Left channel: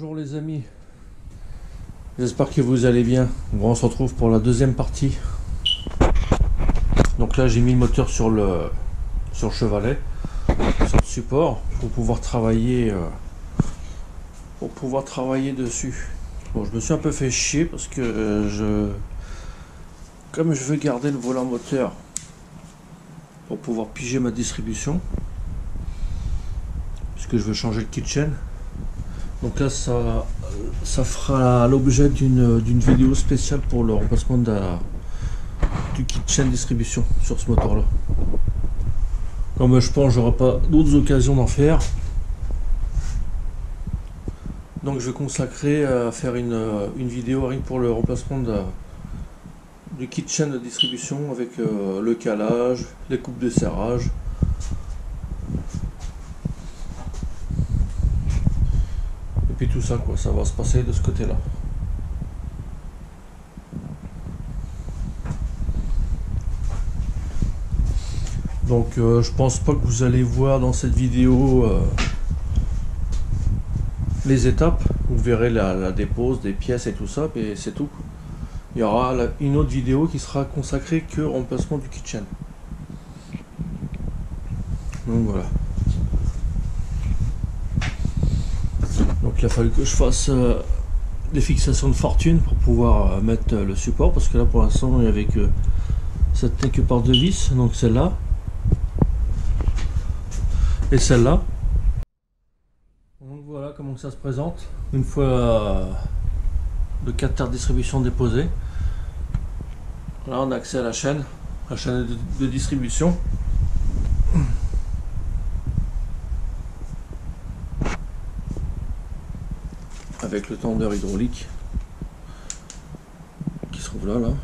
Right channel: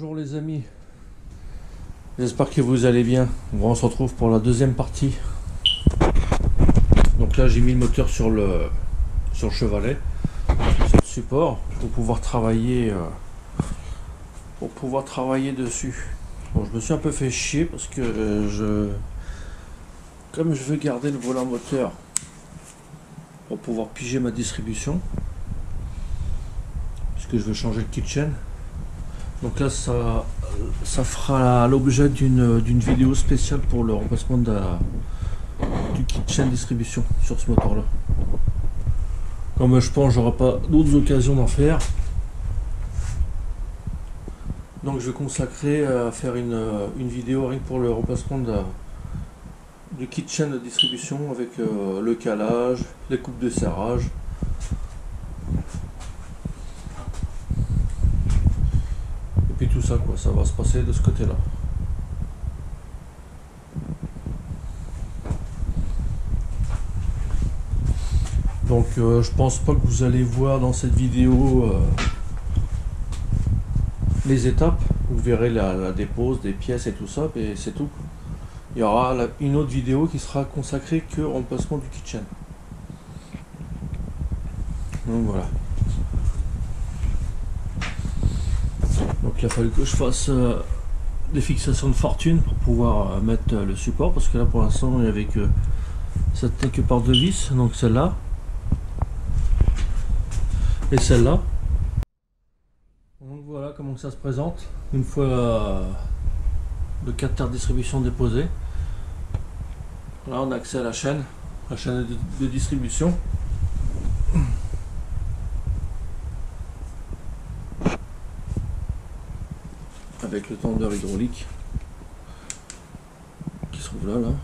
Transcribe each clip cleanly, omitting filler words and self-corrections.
Bonjour les amis, j'espère que vous allez bien. Bon, on se retrouve pour la deuxième partie. Donc là j'ai mis le moteur sur le chevalet, sur le support, pour pouvoir travailler dessus. Bon, je me suis un peu fait chier parce que comme je veux garder le volant moteur pour pouvoir piger ma distribution, puisque je veux changer le kitchen. Donc là ça fera l'objet d'une vidéo spéciale pour le remplacement du kitchen distribution sur ce moteur là. Comme je pense que j'aurai pas d'autres occasions d'en faire, donc je vais consacrer à faire une vidéo rien que pour le remplacement du kitchen de distribution avec le calage, les coupes de serrage. Et puis tout ça quoi, ça va se passer de ce côté là. Donc je pense pas que vous allez voir dans cette vidéo les étapes. Vous verrez la dépose des pièces et tout ça, et c'est tout. Il y aura une autre vidéo qui sera consacrée que au remplacement du kitchen. Donc voilà. Donc il a fallu que je fasse des fixations de fortune pour pouvoir mettre le support, parce que là pour l'instant il n'y avait que ça tenait que par deux vis, donc celle-là et celle-là. Donc voilà comment ça se présente une fois le capteur de distribution déposé. Là on a accès à la chaîne de distribution. Avec le tendeur hydraulique qui se trouve là.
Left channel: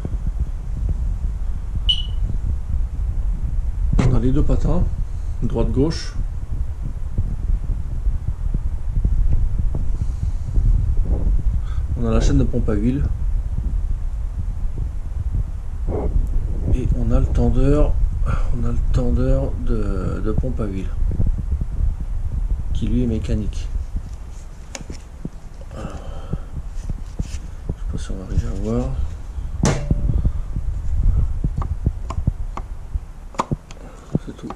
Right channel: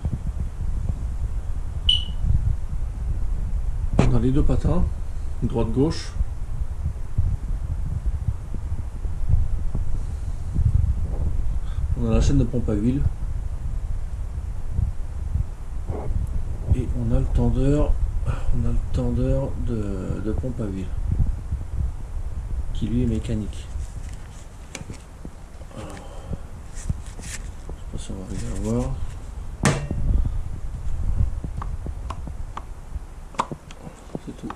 On a les deux patins, droite-gauche. On a la chaîne de pompe à huile. Et on a le tendeur de pompe à huile qui lui est mécanique. Alors, je sais pas si on va arriver à voir. C'est tout.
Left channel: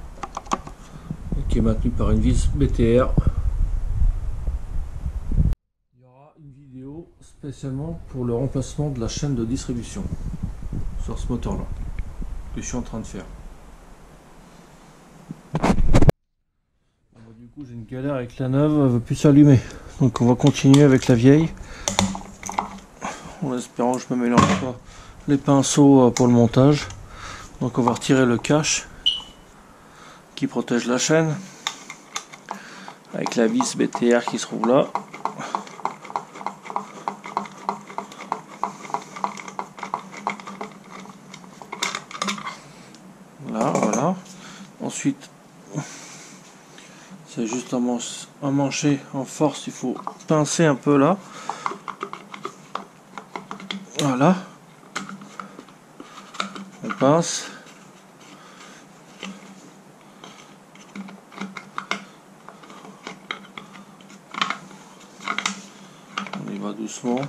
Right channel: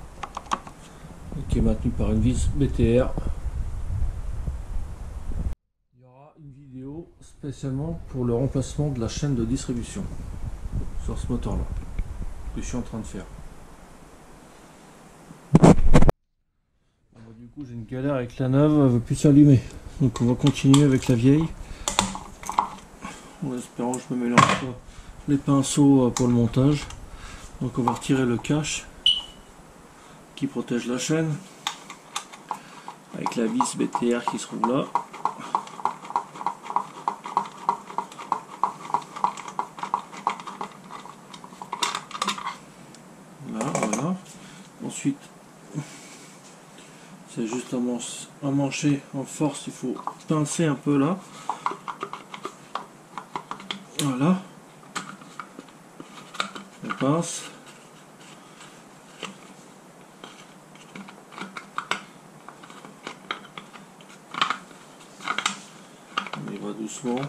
Et qui est maintenu par une vis BTR. Il y aura une vidéo spécialement pour le remplacement de la chaîne de distribution sur ce moteur là que je suis en train de faire. Du coup j'ai une galère avec la neuve, elle veut plus s'allumer, donc on va continuer avec la vieille en espérant que je me mélange pas les pinceaux pour le montage. Donc on va retirer le cache qui protège la chaîne avec la vis BTR qui se trouve là. Là, voilà. Ensuite, c'est juste un mancher en force, il faut pincer un peu là. Voilà. On pince. On y va doucement.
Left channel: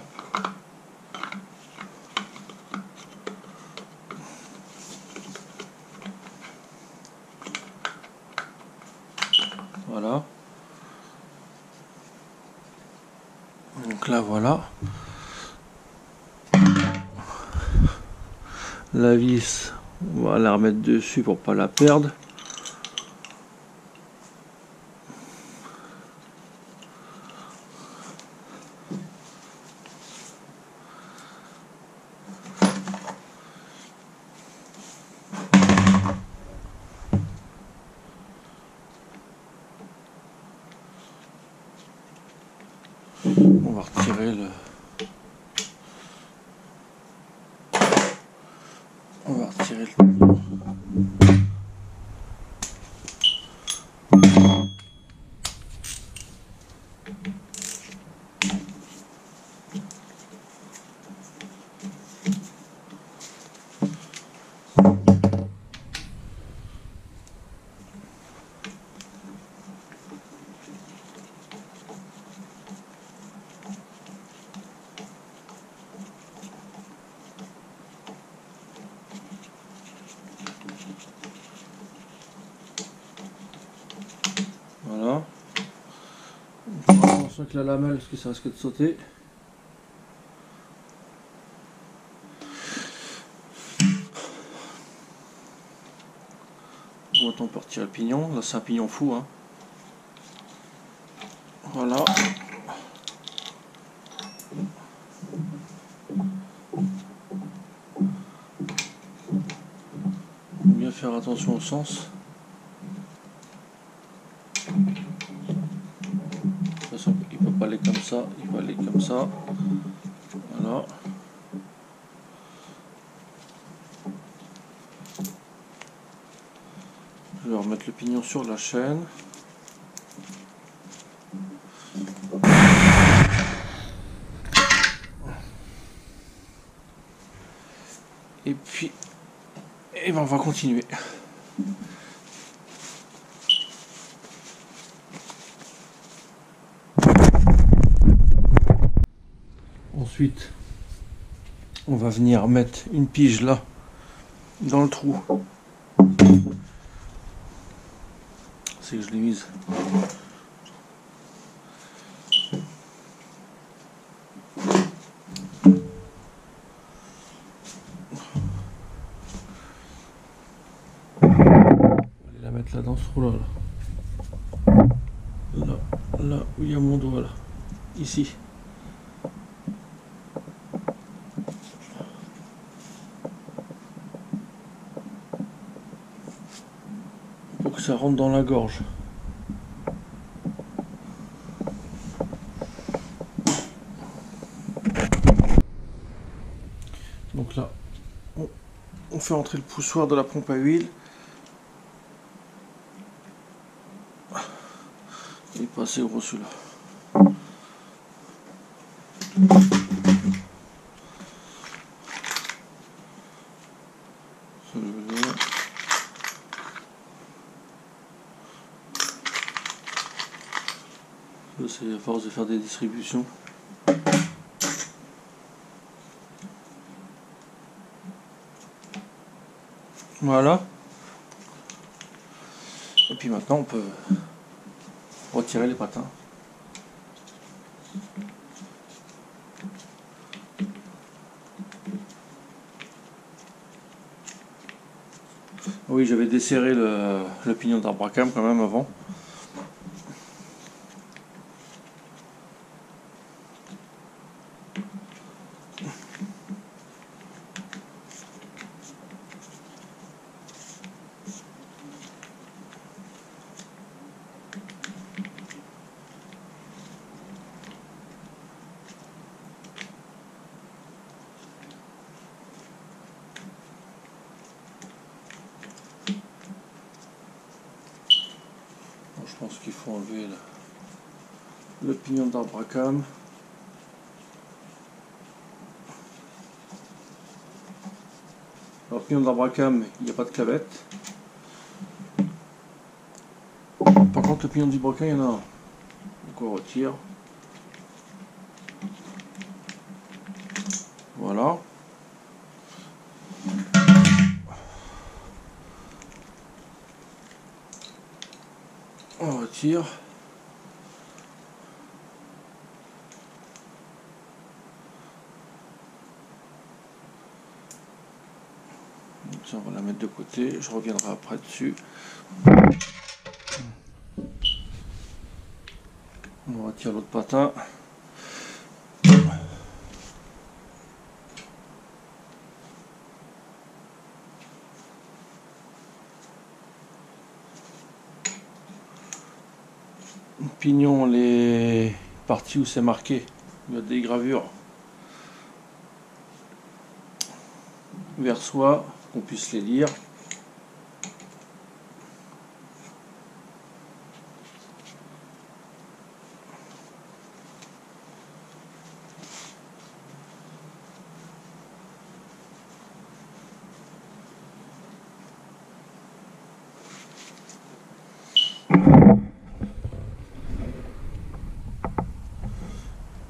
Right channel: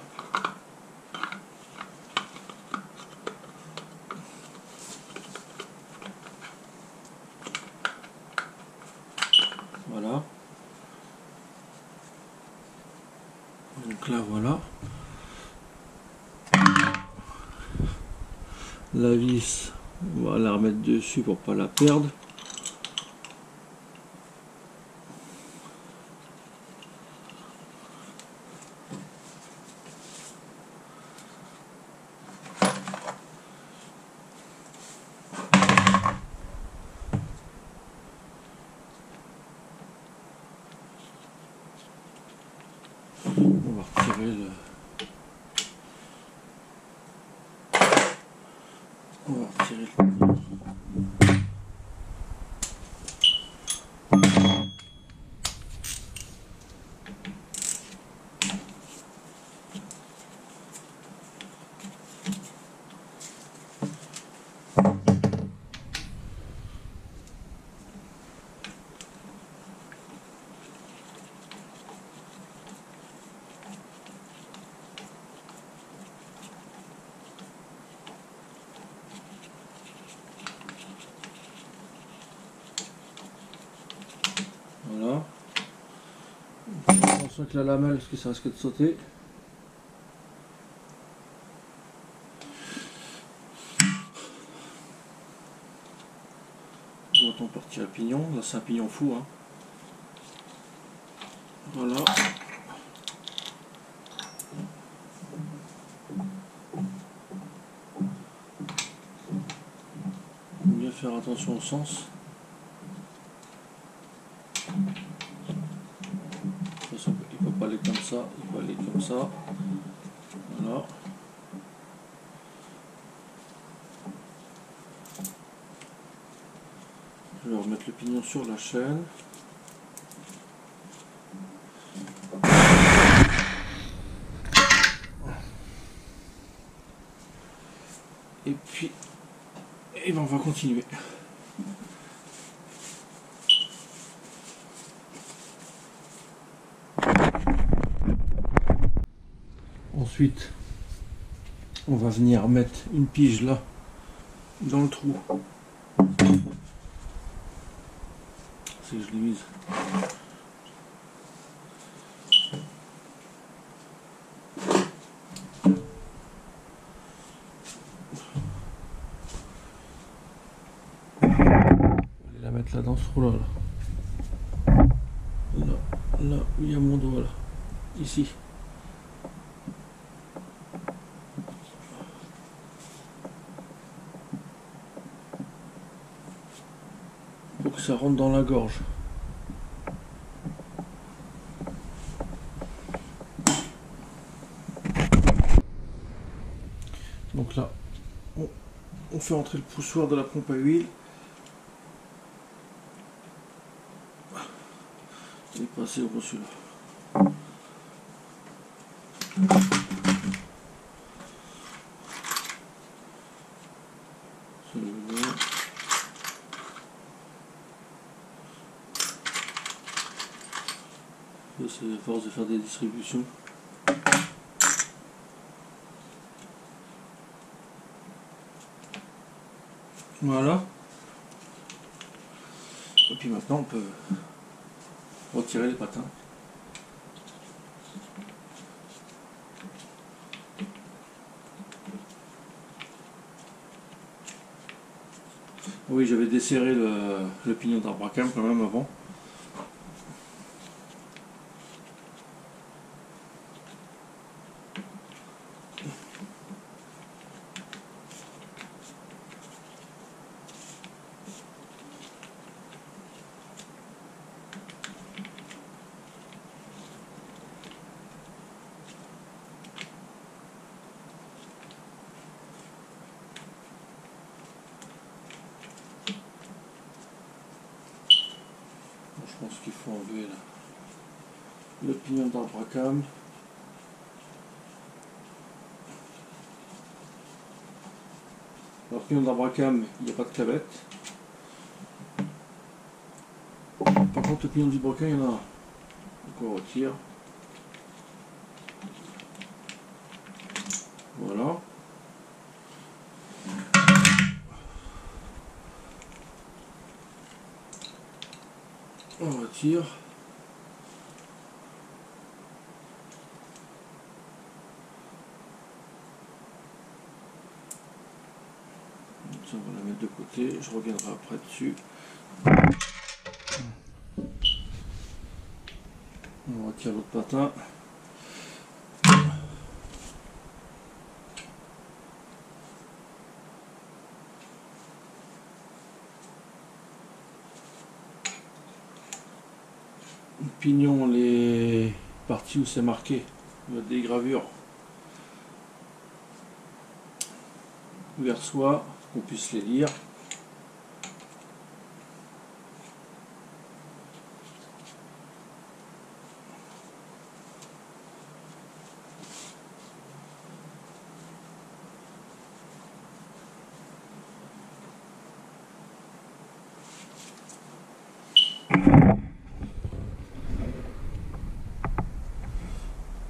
Voilà. Donc là, voilà. La vis, on va la remettre dessus pour pas la perdre. On va retirer le... On va retirer le... Voilà. On fera attention avec la lamelle parce que ça risque de sauter. Bon, on peut retirer le pignon. Là, c'est un pignon fou, hein. Voilà. Faut bien faire attention au sens. De toute façon, il ne peut pas aller comme ça, il peut aller comme ça. Voilà. Je vais remettre le pignon sur la chaîne. Et puis, ben on va continuer. Ensuite, on va venir mettre une pige là, dans le trou. C'est que je l'ai mise. On va aller la mettre là dans ce trou là. Là où il y a mon doigt là. Ici. Pour que ça rentre dans la gorge. Donc là, on fait entrer le poussoir de la pompe à huile. Il n'est pas assez gros celui-là. C'est à force de faire des distributions. Voilà. Et puis maintenant on peut retirer les patins. Oui, j'avais desserré le pignon d'arbre à cam quand même avant. Je pense qu'il faut enlever le pignon d'arbre à cam. Alors, pignon d'arbre à cam, il n'y a pas de clavette. Par contre, le pignon du broquin, il y en a un. Donc on retire. Voilà. On retire. Donc ça, on va la mettre de côté. Je reviendrai après dessus. On retire l'autre patin. Pignon, les parties où c'est marqué, il y a des gravures vers soi, qu'on puisse les lire.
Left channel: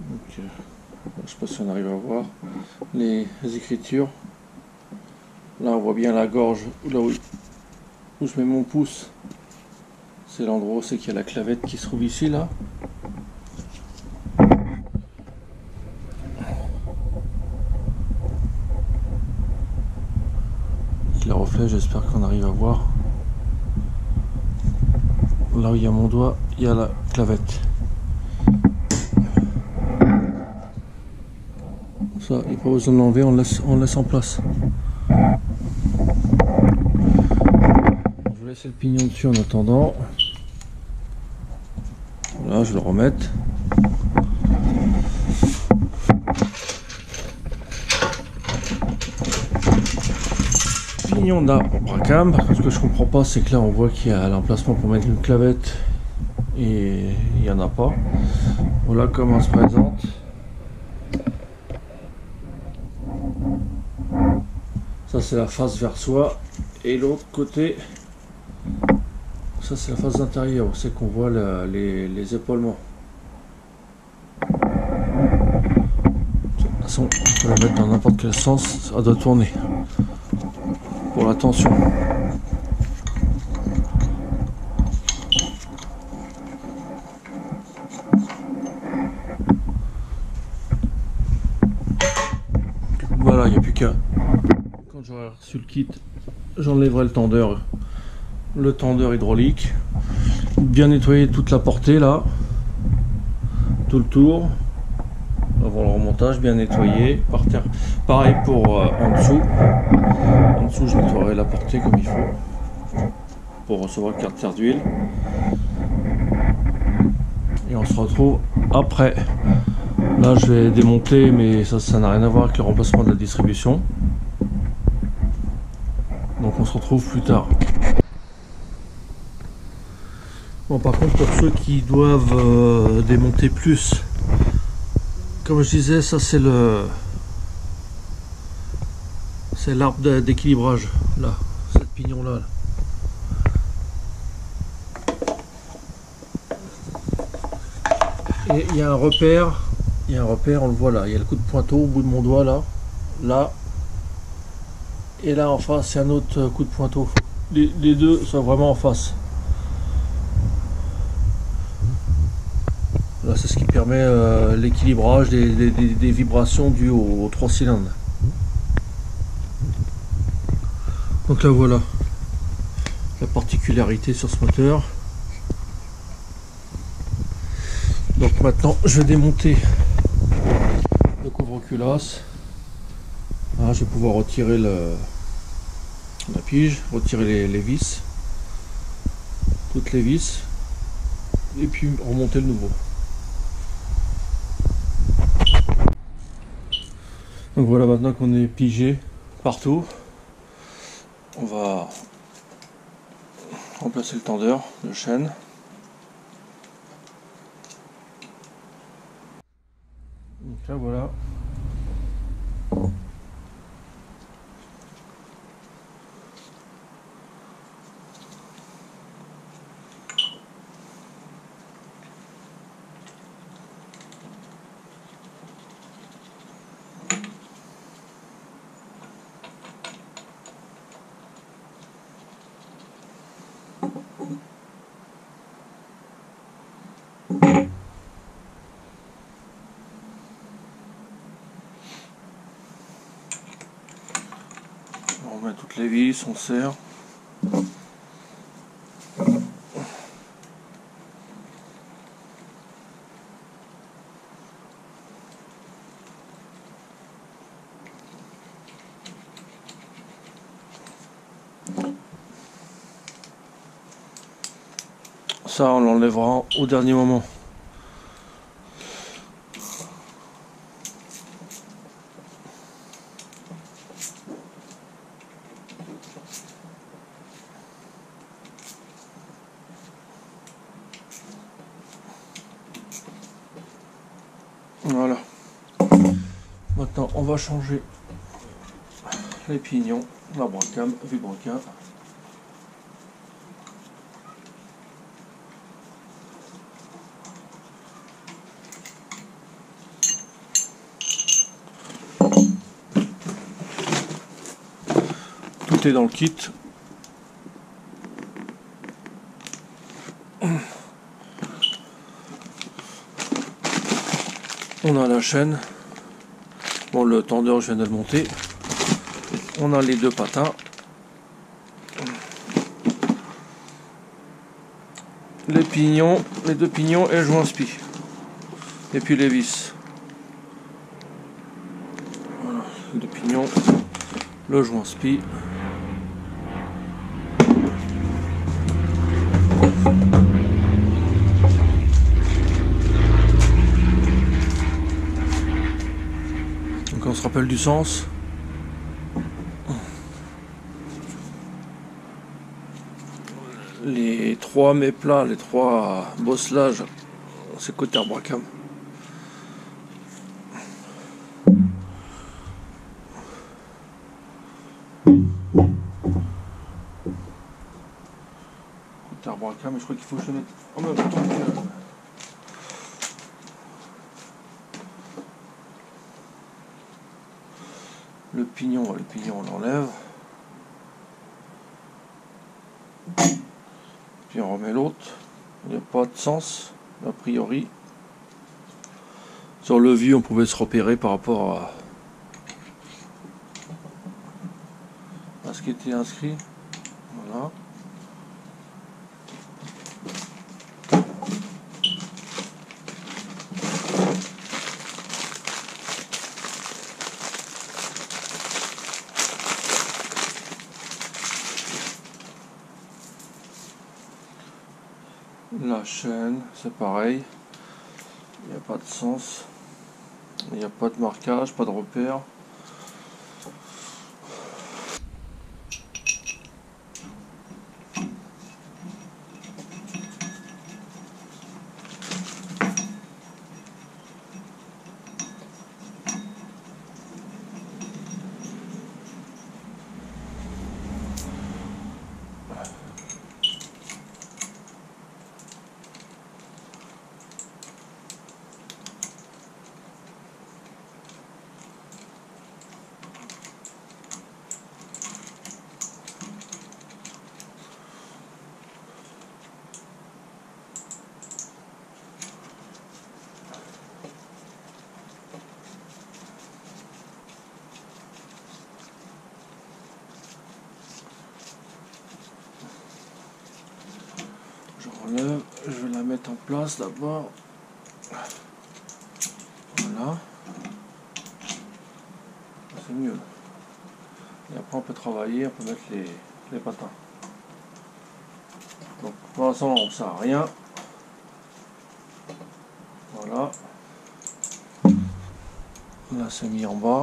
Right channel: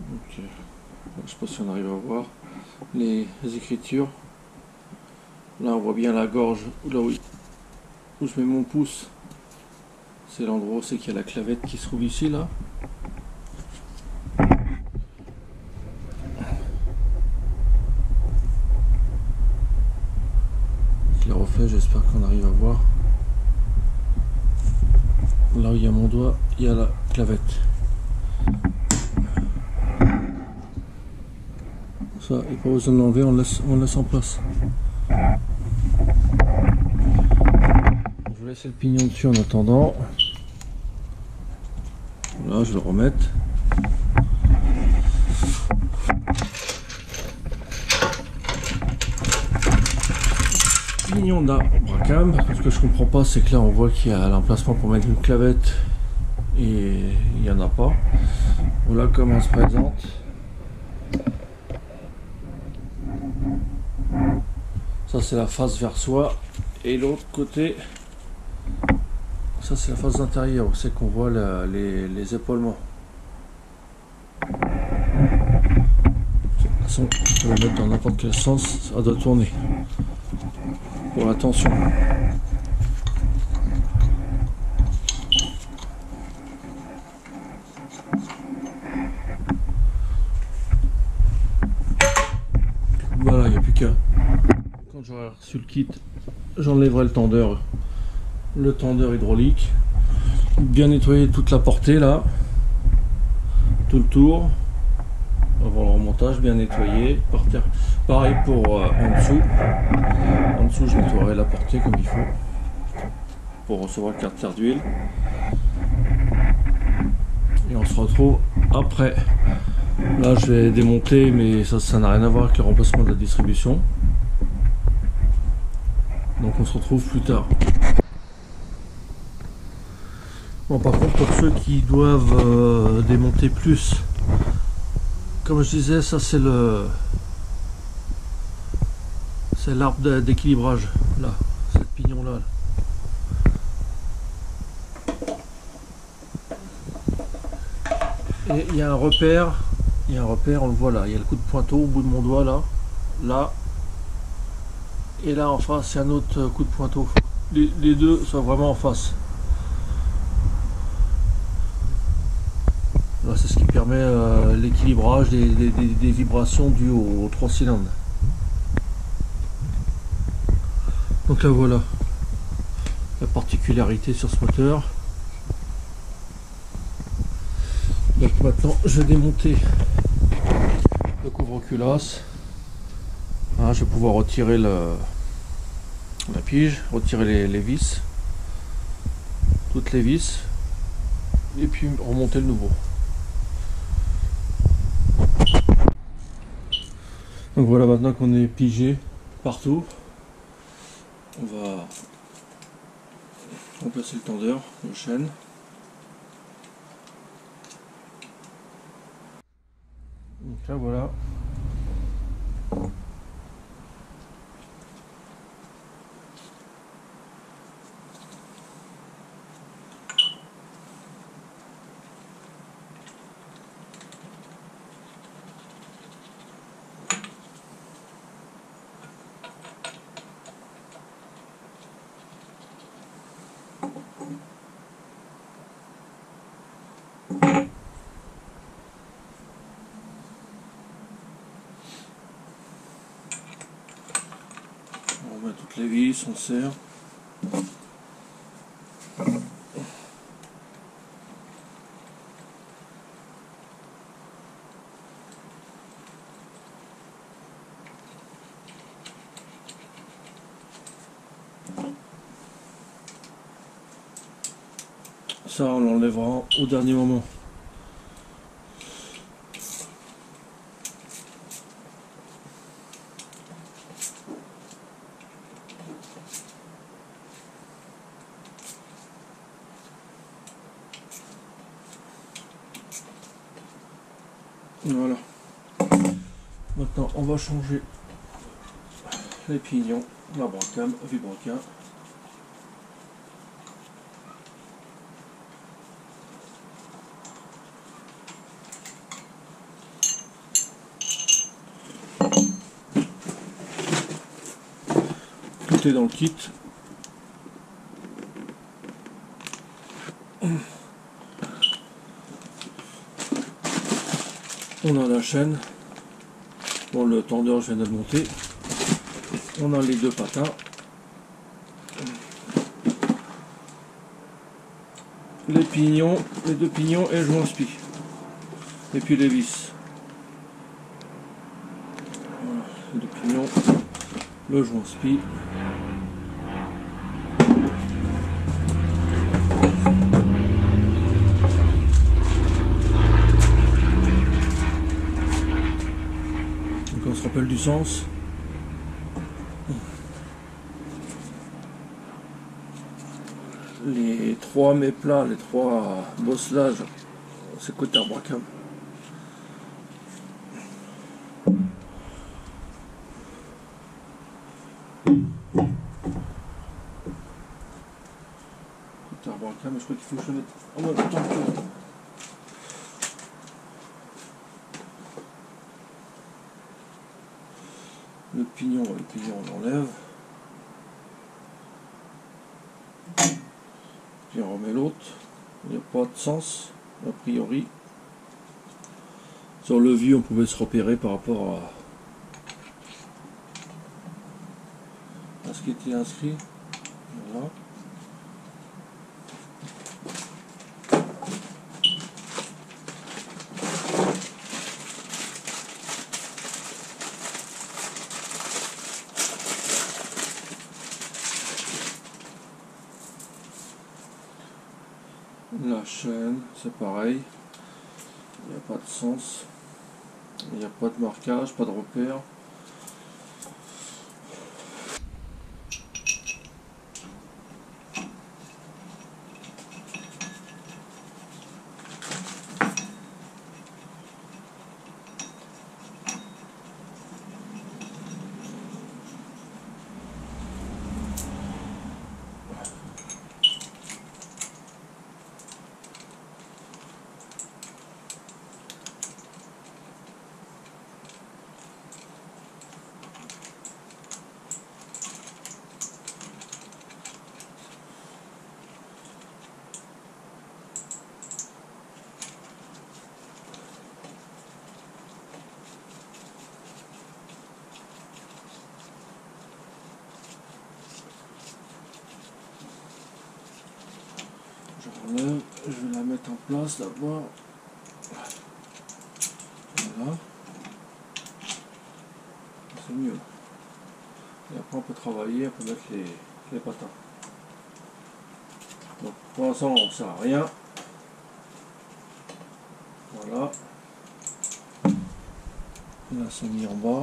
Donc, je ne sais pas si on arrive à voir les écritures. Là, on voit bien la gorge, là où je mets mon pouce. C'est l'endroit où c'est qu'il y a la clavette qui se trouve ici, là. Avec les reflets, j'espère qu'on arrive à voir. Là où il y a mon doigt, il y a la clavette. Ça, il n'y a pas besoin de l'enlever, on laisse en place. Je vais laisser le pignon dessus en attendant. Voilà, je vais le remettre. Pignon d'Abracam. Ce que je comprends pas, c'est que là on voit qu'il y a l'emplacement pour mettre une clavette et il n'y en a pas. Voilà comment se présente. Ça c'est la face vers soi et l'autre côté, ça c'est la face intérieure où c'est qu'on voit les épaulements. De toute façon, on peut la mettre dans n'importe quel sens, ça doit tourner pour la tension. Voilà, il n'y a plus qu'à. Quand j'aurai reçu le kit, j'enlèverai le tendeur hydraulique, bien nettoyer toute la portée là, tout le tour, avant le remontage, bien nettoyé, par terre. Pareil pour en dessous. En dessous, je nettoierai la portée comme il faut pour recevoir le carte d'huile. Et on se retrouve après. Là, je vais démonter, mais ça n'a rien à voir avec le remplacement de la distribution. Donc on se retrouve plus tard. Bon, par contre, pour ceux qui doivent démonter plus, comme je disais, ça c'est l'arbre d'équilibrage, là, cette pignon là. Et il y a un repère, on le voit là, il y a le coup de pointeau au bout de mon doigt là. Et là en face, il y a un autre coup de pointeau. Les deux sont vraiment en face. Là, c'est ce qui permet l'équilibrage des vibrations dues aux 3 cylindres. Donc là voilà la particularité sur ce moteur. Donc maintenant je vais démonter le couvre-culasse. Ah, je vais pouvoir retirer la pige, retirer les vis, toutes les vis, et puis remonter le nouveau. Donc voilà, maintenant qu'on est pigé partout, on va remplacer le tendeur de chaîne. Donc là voilà. On remet toutes les vis, on serre. Ça, on l'enlèvera au dernier moment. Voilà. Maintenant, on va changer les pignons, l'Abracam, Vibroquin. Tout est dans le kit. On a la chaîne. Bon, le tendeur, je viens de le monter. On a les deux patins. Les pignons, les deux pignons et le joint spi. Et puis les vis. Voilà, les deux pignons, le joint spi. Donc on se rappelle du sens. Les trois méplats, les trois bosselages, c'est côté Bracam. Côté Bracam, mais je crois qu'il faut que je le mette en même temps que... Le pignon on l'enlève. Puis on remet l'autre. Il n'y a pas de sens, a priori. Sur le vieux, on pouvait se repérer par rapport à ce qui était inscrit. Voilà. La chaîne, c'est pareil. Il n'y a pas de sens. Il n'y a pas de marquage, pas de repère. Je relève, je vais la mettre en place d'abord. Voilà. C'est mieux. Et après on peut travailler, on peut mettre les patins. Donc pour l'instant on ne sert à rien. Voilà. Là c'est mis en bas.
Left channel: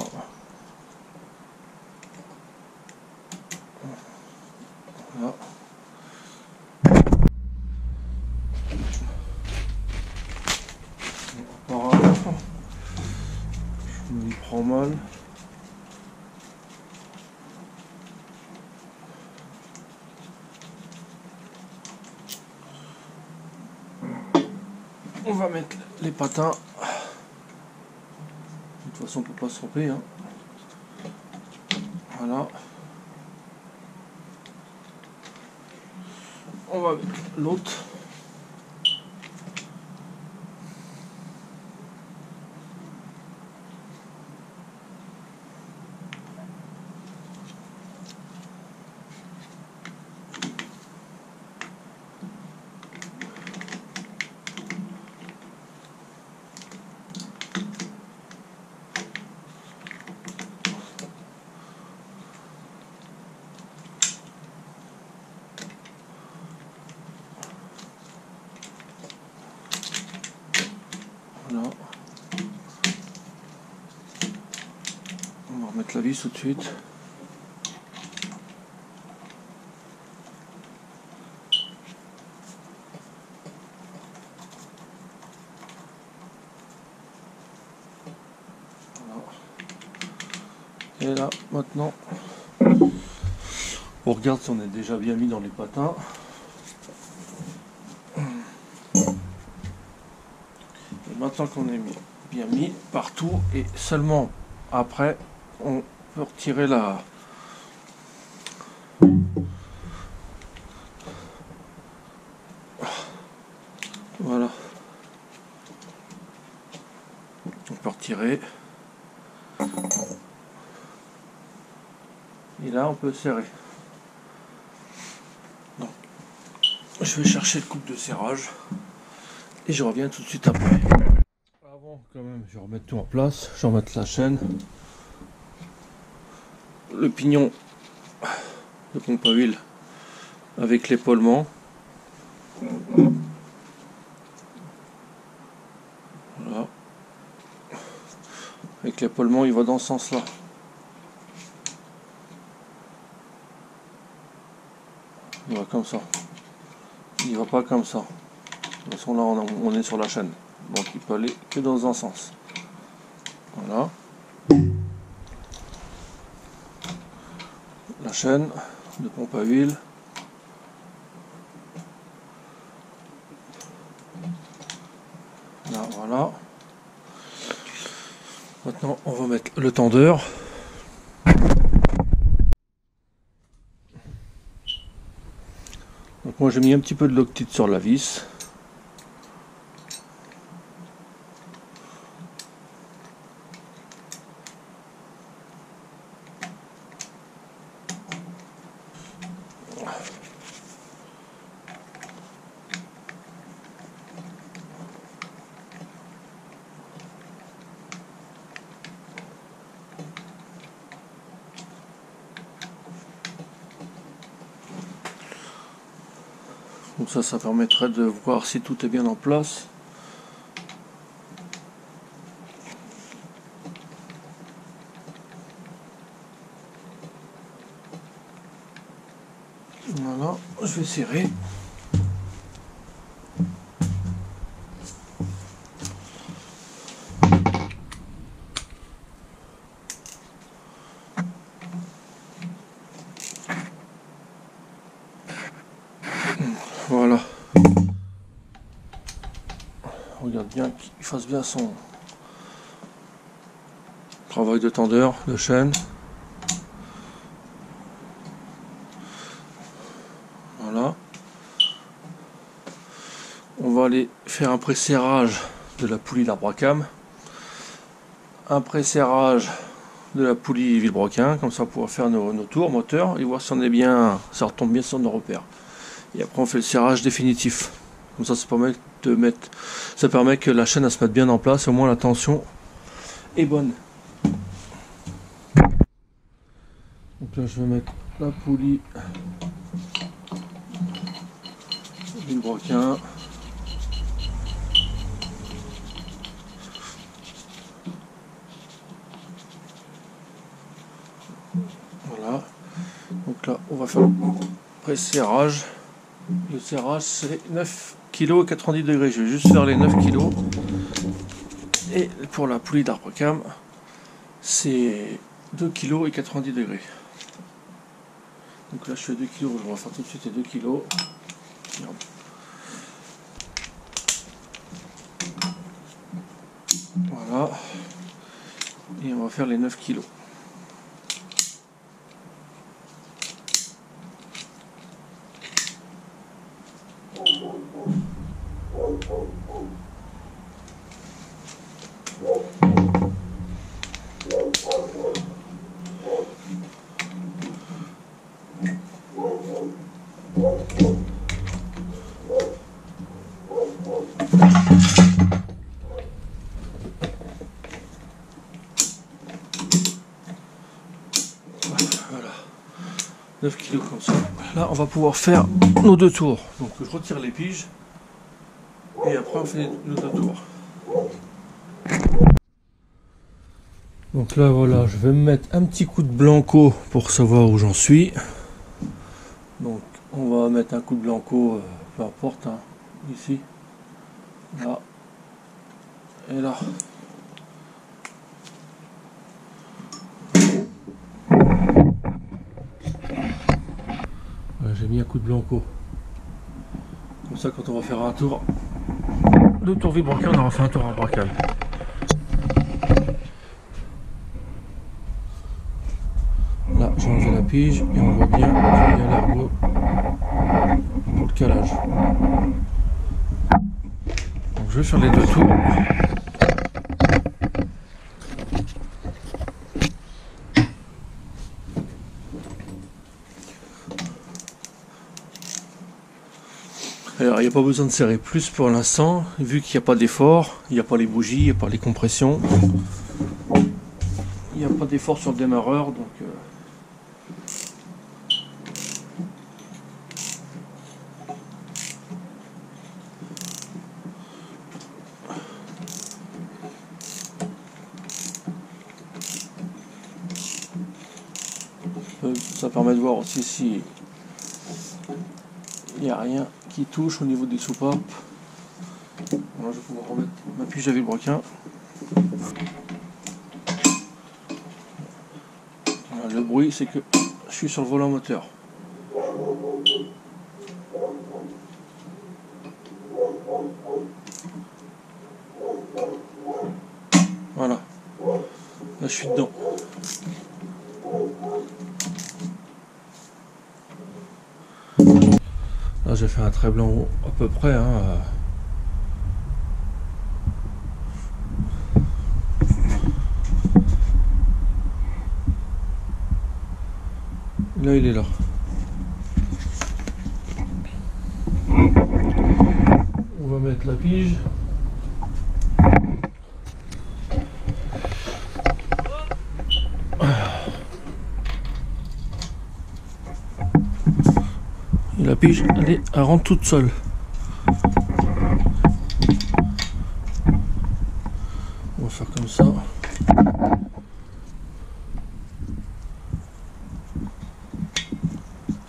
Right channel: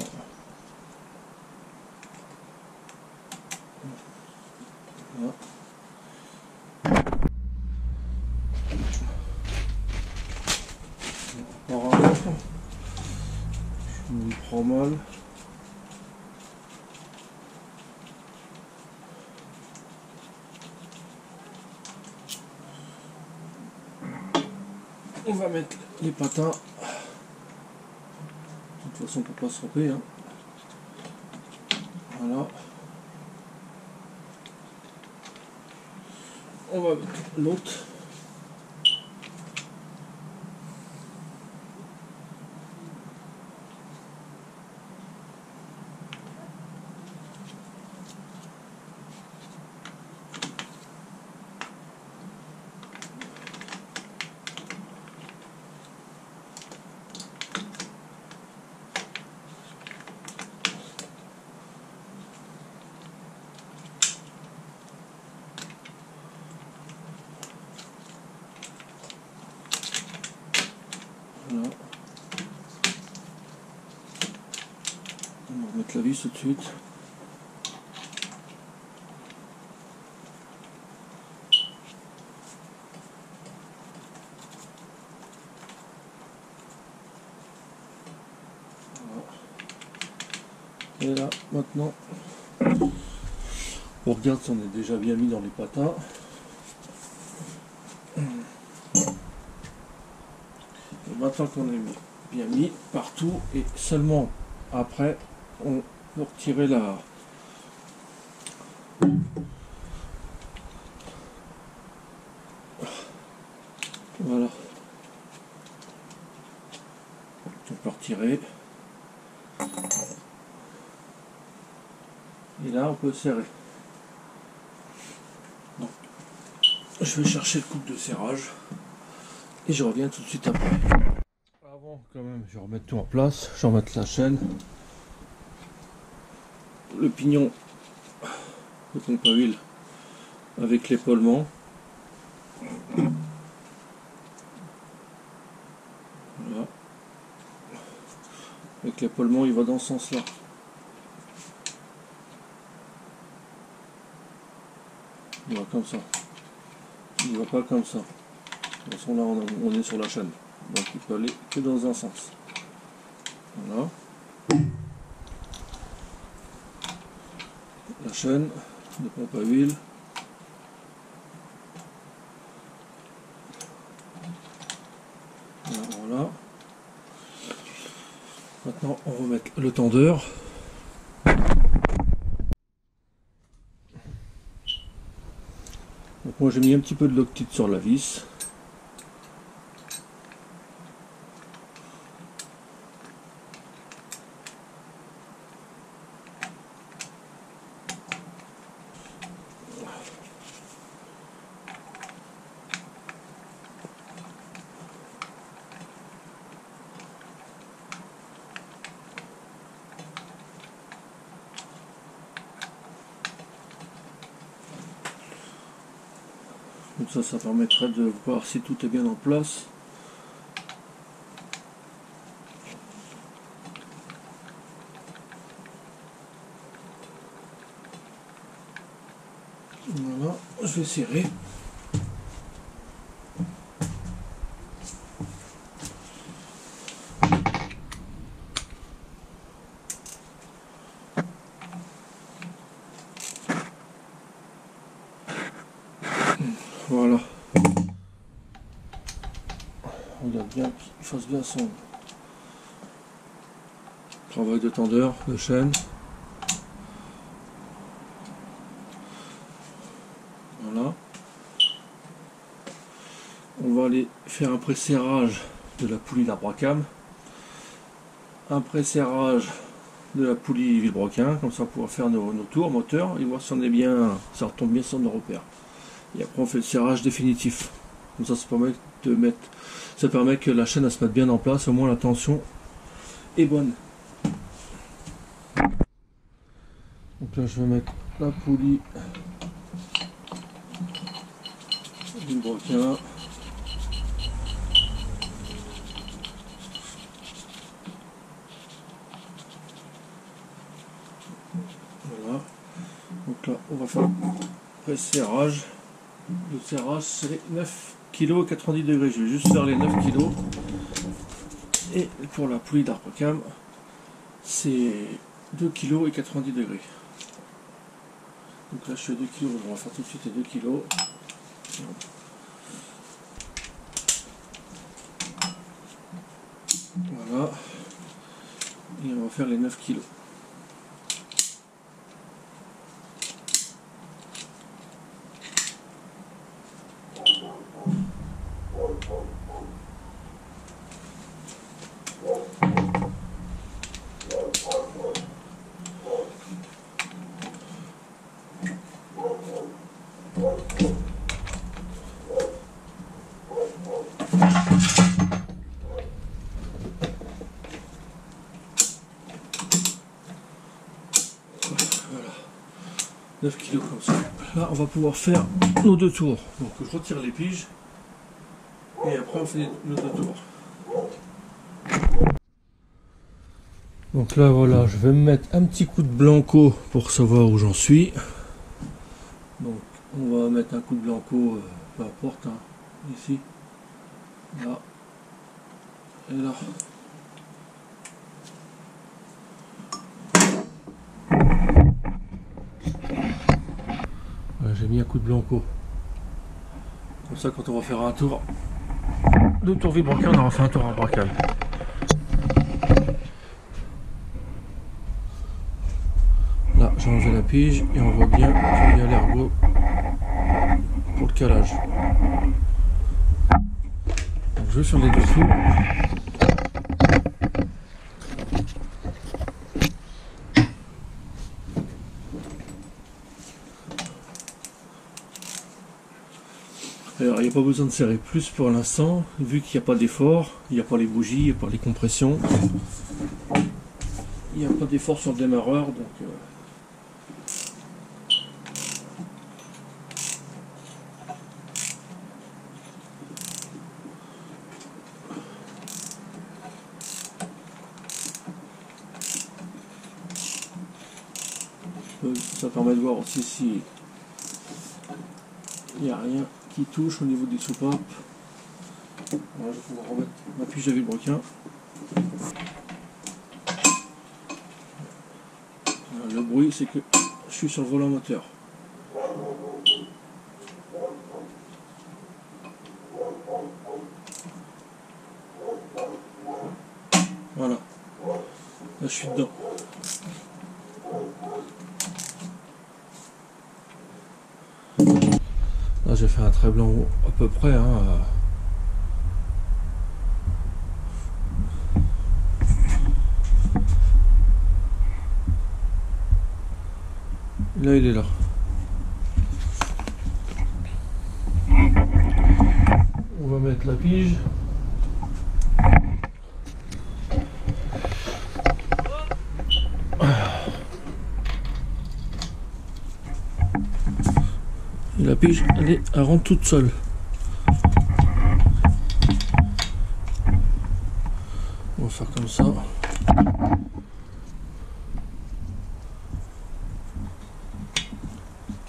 Voilà. Je me prends mal. On va mettre les patins. De toute façon on peut pas se tromper. Hein. Voilà. On va mettre l'autre. Voilà. On va remettre la vis tout de suite. Voilà. Et là, maintenant, on regarde si on est déjà bien mis dans les patins. Et maintenant qu'on est bien mis partout, et seulement après, on peut retirer Voilà. On peut retirer. Et là, on peut serrer. Donc, je vais chercher le coupe de serrage. Et je reviens tout de suite après. Avant, quand même, je vais remettre tout en place. Je vais remettre la chaîne. Le pignon de pompe à huile avec l'épaulement. Voilà. Avec l'épaulement, il va dans ce sens-là. Il va comme ça. Il va pas comme ça. De toute façon, là, on est sur la chaîne. Donc, il peut aller que dans un sens. Voilà. La chaîne de pompe à huile. Là, voilà. Maintenant, on va mettre le tendeur. Donc moi, j'ai mis un petit peu de Loctite sur la vis. Comme ça permettrait de voir si tout est bien en place. Voilà, je vais serrer. Voilà. Regarde bien qu'il fasse bien son travail de tendeur, de chaîne. Voilà. On va aller faire un pré-serrage de la poulie d'arbre à cam. Un pré-serrage de la poulie vilebrequin, comme ça on pourra faire nos tours moteurs et voir si on est bien, ça retombe bien sur nos repères. Et après on fait le serrage définitif. Comme ça ça permet que la chaîne elle se mette bien en place, au moins la tension est bonne. Donc là je vais mettre la poulie vilebrequin. Voilà. Donc là on va faire le pré-serrage. Le serrage c'est 9 kg et 90 degrés. Je vais juste faire les 9 kg. Et pour la poulie d'arbre cam, c'est 2 kg et 90 degrés. Donc là je fais 2 kg. On va faire tout de suite les 2 kg. Voilà. Et on va faire les 9 kg. Voilà, 9 kg comme ça. Là, on va pouvoir faire nos 2 tours. Donc, je retire les piges et après, on fait nos 2 tours. Donc là, voilà, je vais me mettre un petit coup de blanco pour savoir où j'en suis. Donc, on va mettre un coup de blanco, peu importe, hein, ici, là et là. J'ai mis un coup de blanco. Comme ça, quand on va faire un tour, 2 tours vilebrequin, on aura fait un tour arbre à cam. Là, j'ai enlevé la pige et on voit bien qu'il y a l'ergot pour le calage. je vais faire les 2 tours. Alors il n'y a pas besoin de serrer plus pour l'instant, vu qu'il n'y a pas d'effort, il n'y a pas les bougies, il n'y a pas les compressions. Il n'y a pas d'effort sur le démarreur, donc ça permet de voir aussi si il n'y a rien qui touche au niveau des soupapes. Alors je vais pouvoir remettre ma pige à vilebrequin. Voilà, le bruit c'est que je suis sur le volant moteur. Voilà, là je suis dedans. Là j'ai fait un trait blanc à peu près. Hein. Là il est là. On va mettre la pige. Et la pige, elle rentre toute seule. On va faire comme ça.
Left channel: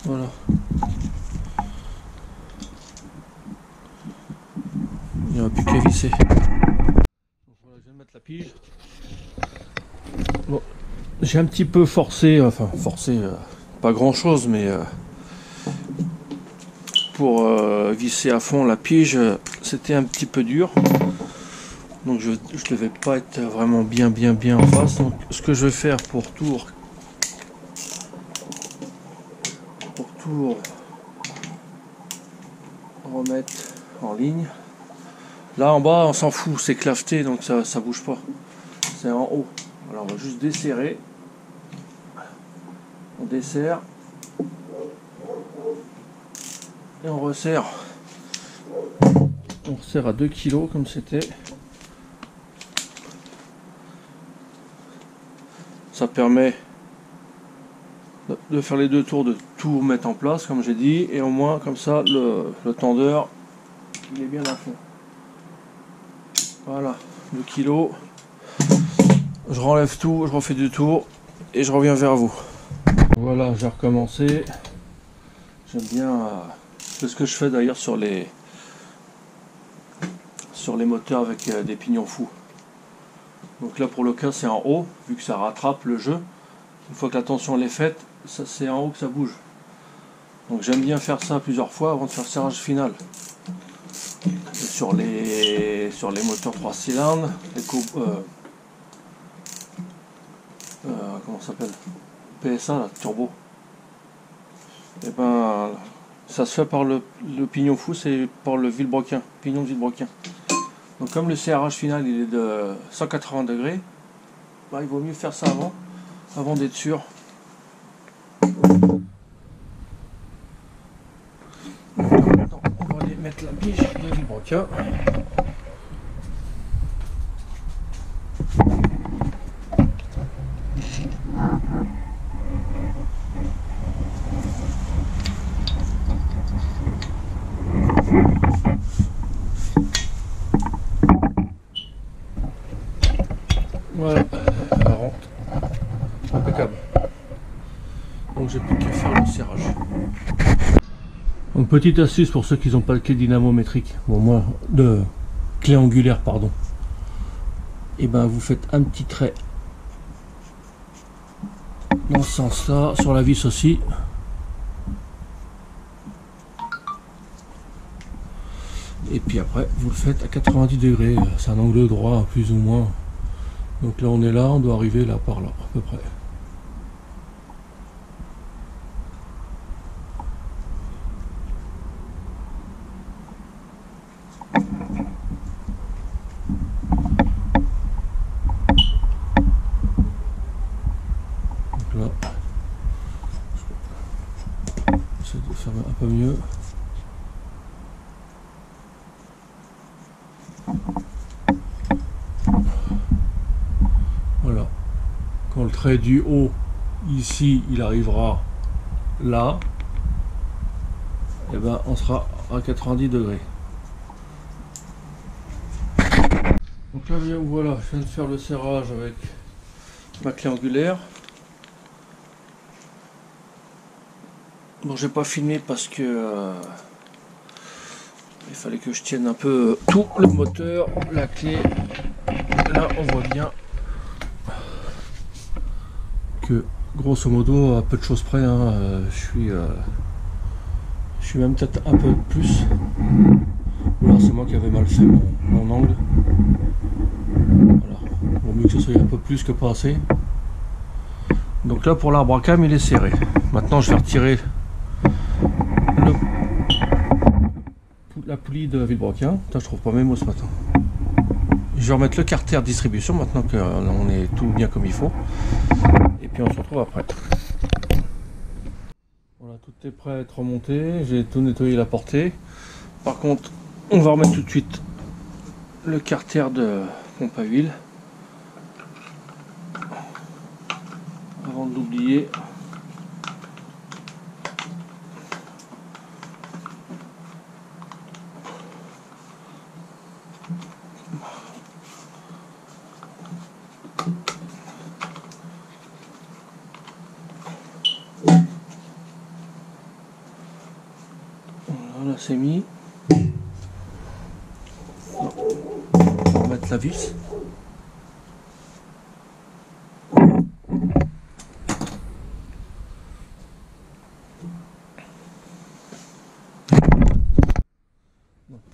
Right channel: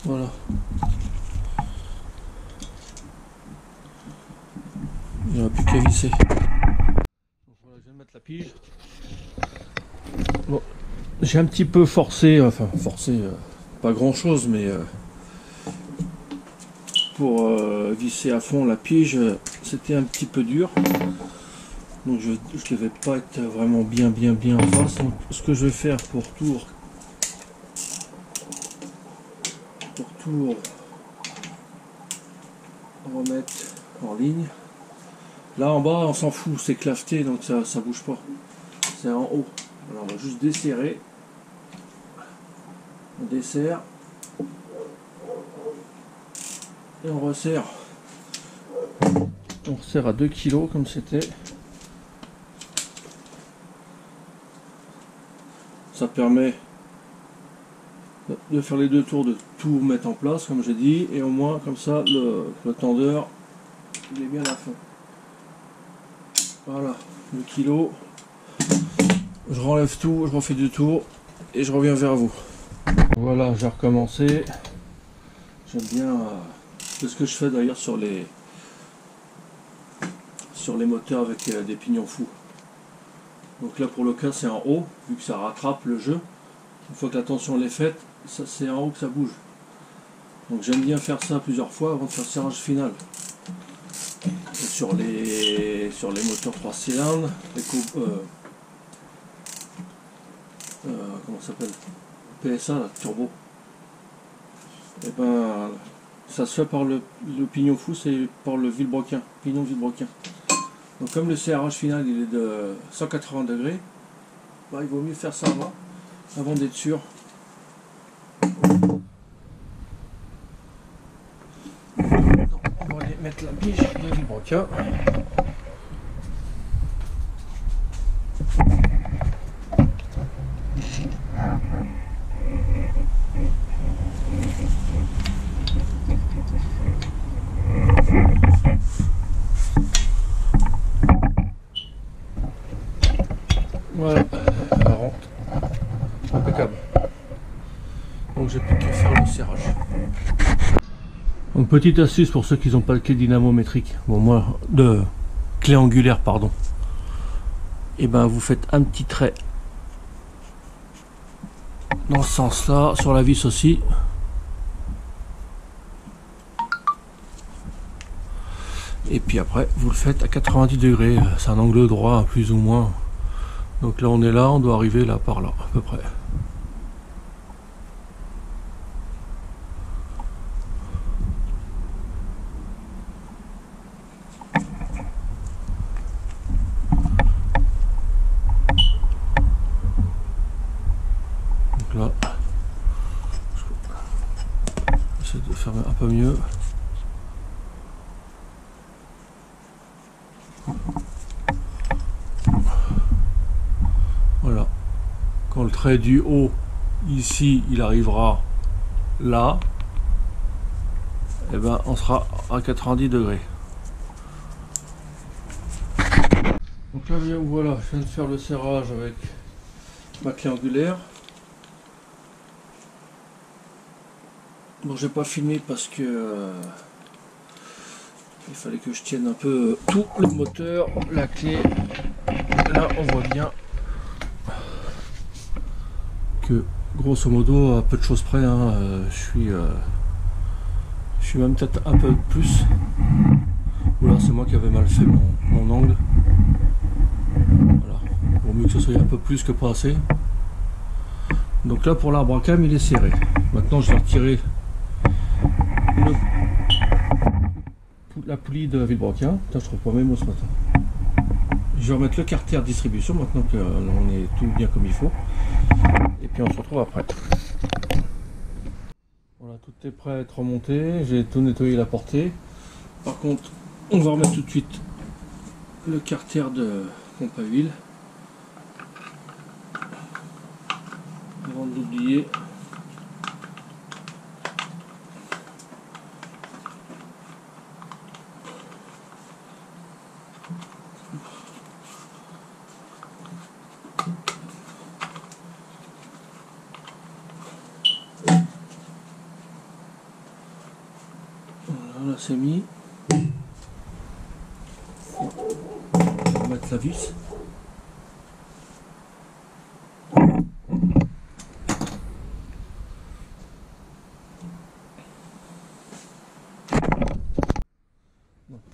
Voilà. Il n'y aura plus qu'à visser. Donc voilà, je viens de mettre la pige. Bon, j'ai un petit peu forcé, enfin forcé, pas grand chose, mais pour visser à fond la pige, c'était un petit peu dur. Donc je ne devais pas être vraiment bien en face. Donc ce que je vais faire pour tout remettre en ligne. Là en bas on s'en fout, c'est claveté donc ça bouge pas. C'est en haut. Alors on va juste desserrer. On desserre. Et on resserre. On resserre à 2 kg comme c'était. Ça permet de faire les 2 tours, de tout mettre en place comme j'ai dit, et au moins comme ça le tendeur il est bien à fond. Voilà, 2 kg. Je renlève tout, je refais 2 tours et je reviens vers vous. Voilà, j'ai recommencé. J'aime bien c'est ce que je fais d'ailleurs sur les moteurs avec des pignons fous. Donc là pour le cas c'est en haut, vu que ça rattrape le jeu. Une fois que la tension est faite, c'est en haut que ça bouge. Donc j'aime bien faire ça plusieurs fois avant de faire le serrage final. Et sur les moteurs 3 cylindres, comment ça s'appelle, PSA là, turbo. Et ben ça se fait par le pignon fou, c'est par le vilebrequin, pignon de vilebrequin. Donc comme le serrage final il est de 180 degrés, bah, il vaut mieux faire ça avant d'être sûr. Donc là maintenant on va aller mettre la pige de vilebrequin. Voilà, elle rentre. Impeccable. Donc j'ai plus qu'à faire le serrage. Donc petite astuce pour ceux qui n'ont pas de clé dynamométrique, bon moi, de clé angulaire pardon. Et ben vous faites un petit trait dans ce sens là, sur la vis aussi. Et puis après vous le faites à 90 degrés, c'est un angle droit plus ou moins. Donc là on est là, on doit arriver là par là à peu près. de faire un peu mieux. Voilà. Quand le trait du haut, ici, il arrivera là, et ben on sera à 90 degrés. Donc là, bien voilà, je viens de faire le serrage avec ma clé angulaire. Bon, j'ai pas filmé parce que il fallait que je tienne un peu tout le moteur, la clé. Là, on voit bien que grosso modo, à peu de choses près, hein, je suis même peut-être un peu plus. Ou alors c'est moi qui avais mal fait mon angle. Voilà. Vaut mieux que ce soit un peu plus que pas assez. Donc là, pour l'arbre à cam, il est serré. Maintenant, je vais retirer la poulie de Villebrequin. Putain, je trouve pas mes mots ce matin. Je vais remettre le carter distribution maintenant qu'on est tout bien comme il faut. Et puis on se retrouve après. Voilà, tout est prêt à être remonté. J'ai tout nettoyé la portée. Par contre, on va remettre tout de suite le carter de pompe à huile. Avant de l'oublier. Voilà, là c'est mis. On va remettre la vis. Donc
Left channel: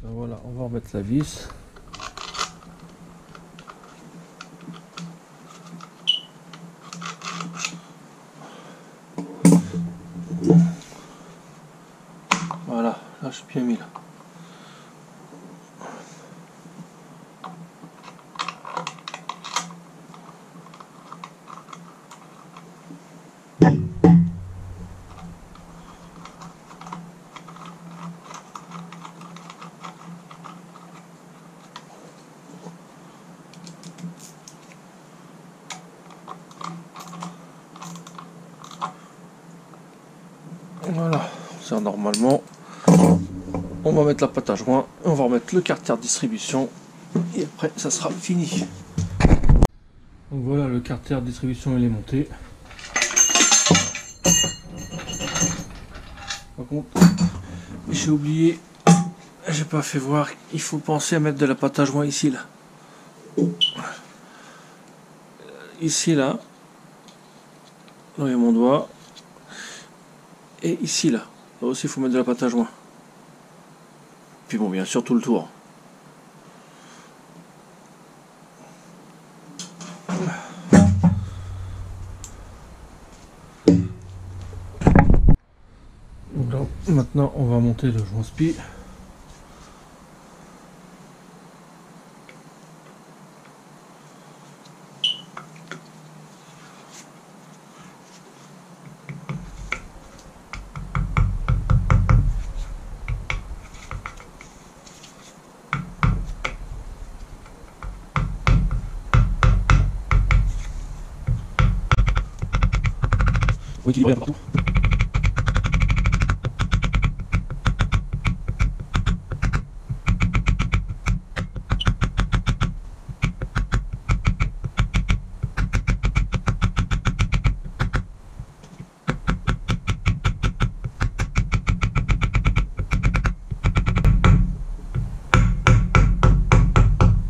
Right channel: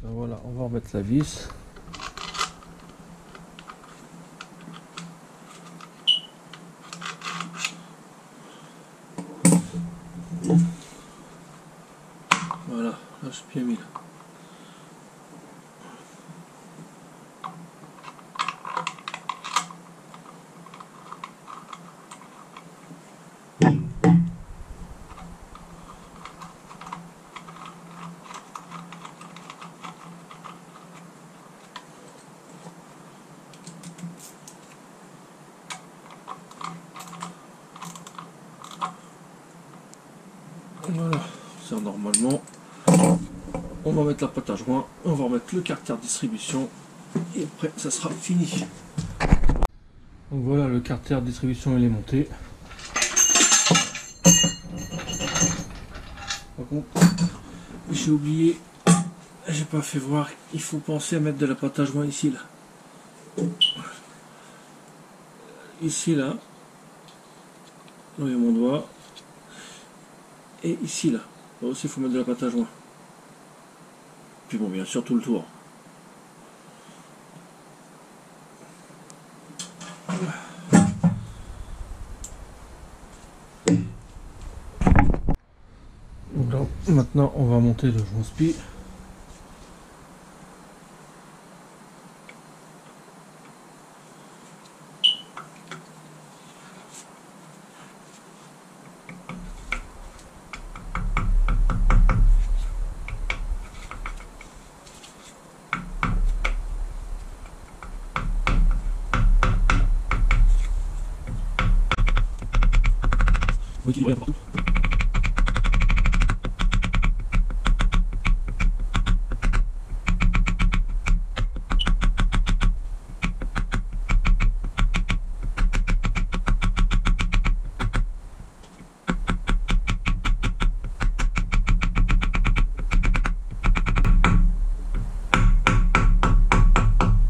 là, voilà, on va remettre la vis. Voilà, là je suis bien mis là. Voilà, ça normalement. On va mettre la pâte à joint, on va remettre le carter de distribution et après ça sera fini. Donc voilà, le carter de distribution il est monté. Par contre, j'ai oublié, j'ai pas fait voir, il faut penser à mettre de la pâte à joint ici là. Ici là, là il y a mon doigt. Et ici là, là aussi il faut mettre de la pâte à joint. Puis bon, bien sûr tout le tour. Donc là, maintenant on va monter le joint spi. Faut équilibrer partout.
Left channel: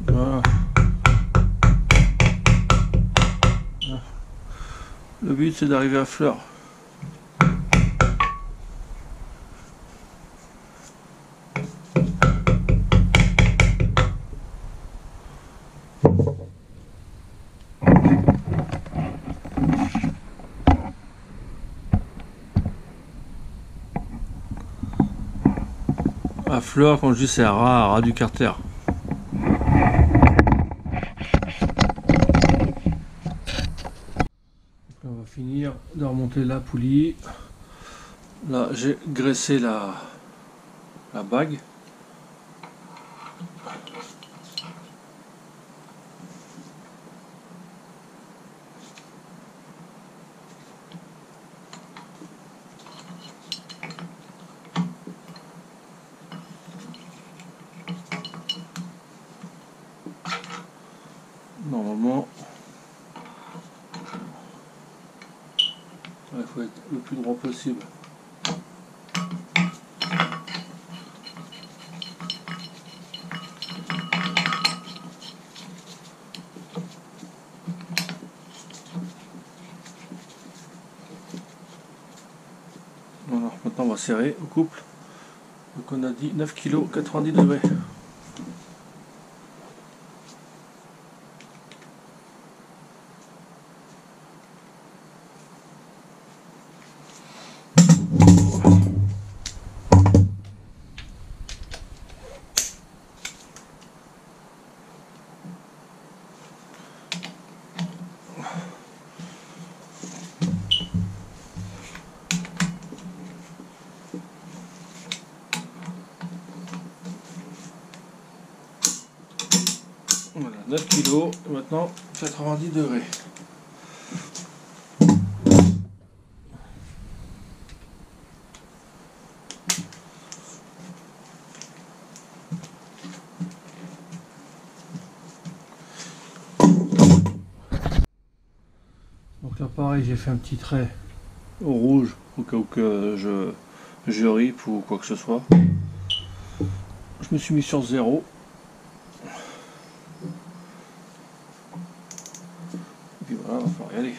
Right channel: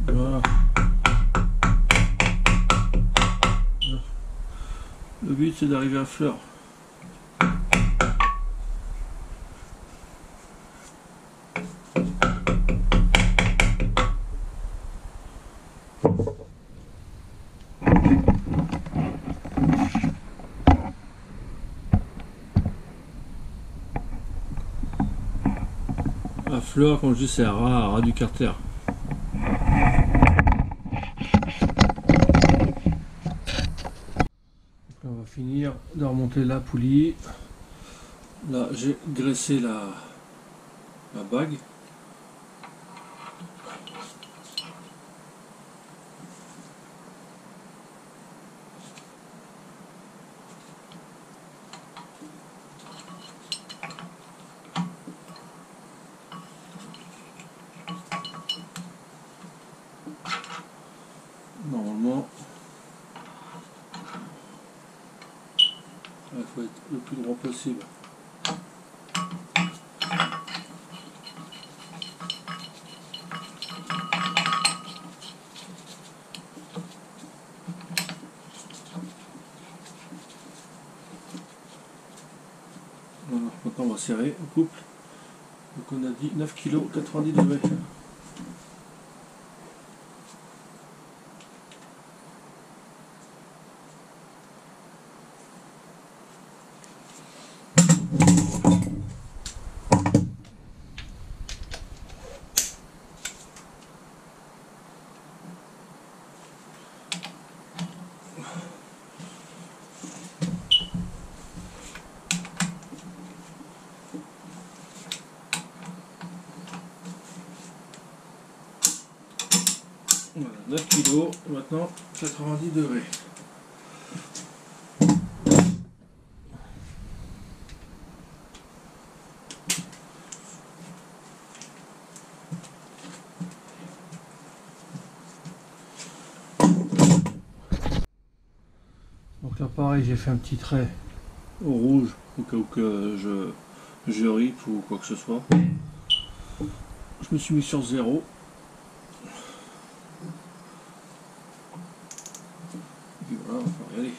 Voilà. Le but c'est d'arriver à fleur. À fleur, quand je dis c'est à ras du carter. On va finir de remonter la poulie. Là j'ai graissé la bague. Normalement, il faut être le plus droit possible. Voilà, maintenant on va serrer au couple. Donc on a dit 9 kg 90 degrés. Voilà, 9 kg, maintenant 90 degrés. Donc là pareil, j'ai fait un petit trait au rouge au cas où que je ripe ou quoi que ce soit. Je me suis mis sur 0. Et puis voilà, on va falloir y aller.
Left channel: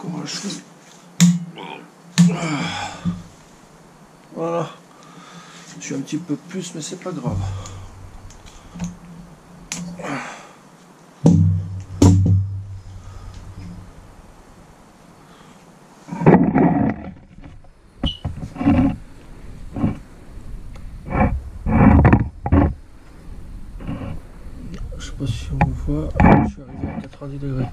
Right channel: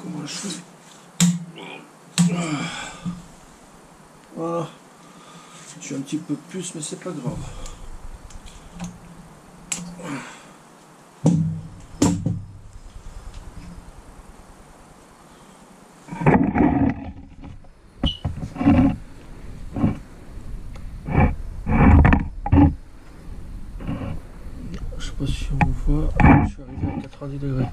Comment je fais? Voilà. Je suis un petit peu plus, mais c'est pas grave. Je sais pas si on voit, je suis arrivé à 90 degrés.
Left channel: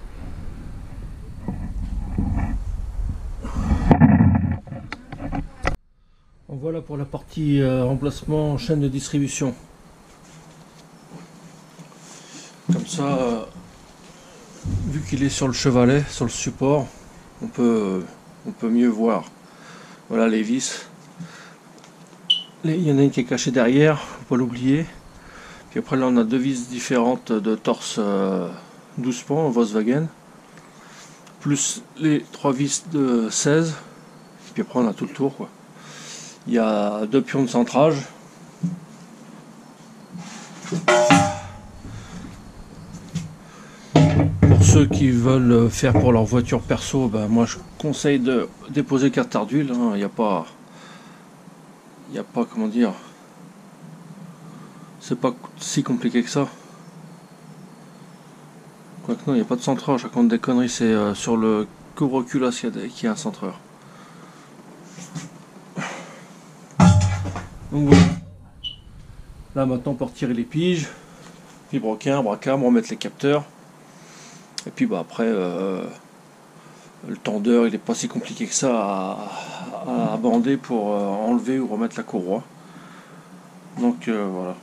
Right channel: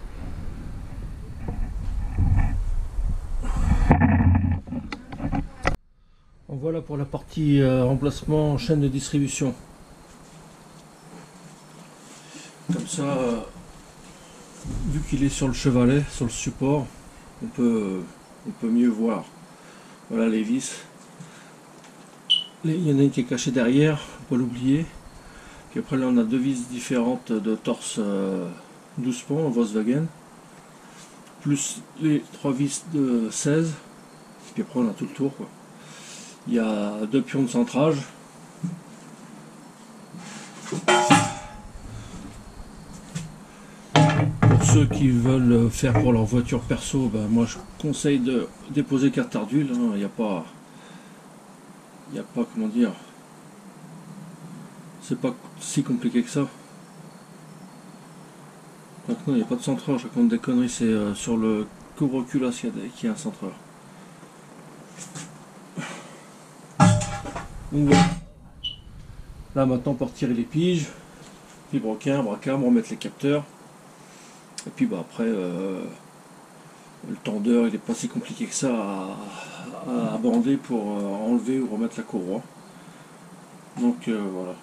Voilà pour la partie remplacement chaîne de distribution. Comme ça, vu qu'il est sur le chevalet, sur le support, on peut mieux voir. Voilà les vis. Il y en a une qui est cachée derrière, faut pas l'oublier. Puis après là on a deux vis différentes de torse 12 pans en Volkswagen. Plus les trois vis de 16. Puis après on a tout le tour quoi. Il y a deux pions de centrage. Pour ceux qui veulent faire pour leur voiture perso, ben moi je conseille de déposer carte d'huile. Il n'y a pas, comment dire, c'est pas si compliqué que ça. Quoique non, il n'y a pas de centreur. Je raconte des conneries. C'est sur le couvre-culasse qu'il y a un centreur. Donc voilà. Là maintenant pour tirer les piges, vibroquin, bracam, remettre les capteurs. Et puis bah après le tendeur il n'est pas si compliqué que ça à bander pour enlever ou remettre la courroie. Donc voilà.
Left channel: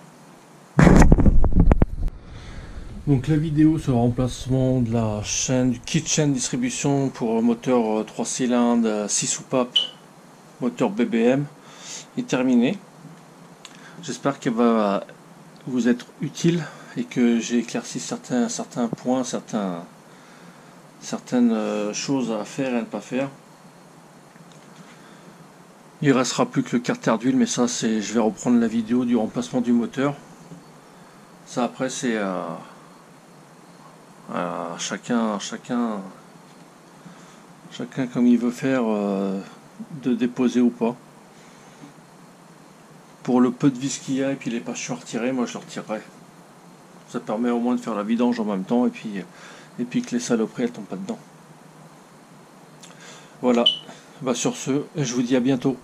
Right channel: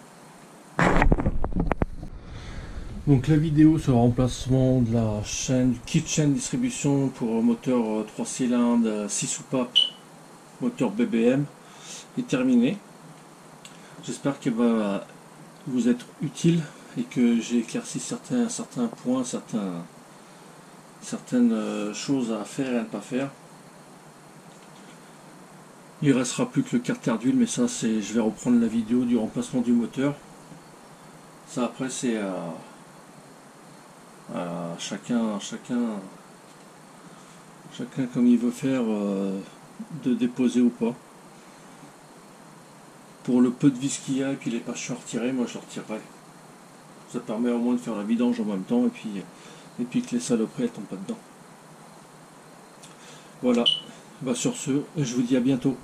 Donc la vidéo sur le remplacement de la chaîne, du kit chaîne distribution pour moteur 3 cylindres, 6 soupapes, moteur BBM est terminée. J'espère qu'elle va vous être utile et que j'ai éclairci certains points, certaines choses à faire et à ne pas faire. Il restera plus que le carter d'huile, mais ça c'est, je vais reprendre la vidéo du remplacement du moteur. Ça après c'est chacun comme il veut faire de déposer ou pas. Pour le peu de vis qu'il y a et puis les patchs à retirer, moi je le retirerai. Ça permet au moins de faire la vidange en même temps et puis que les saloperies elles tombent pas dedans. Voilà. Bah, sur ce, je vous dis à bientôt.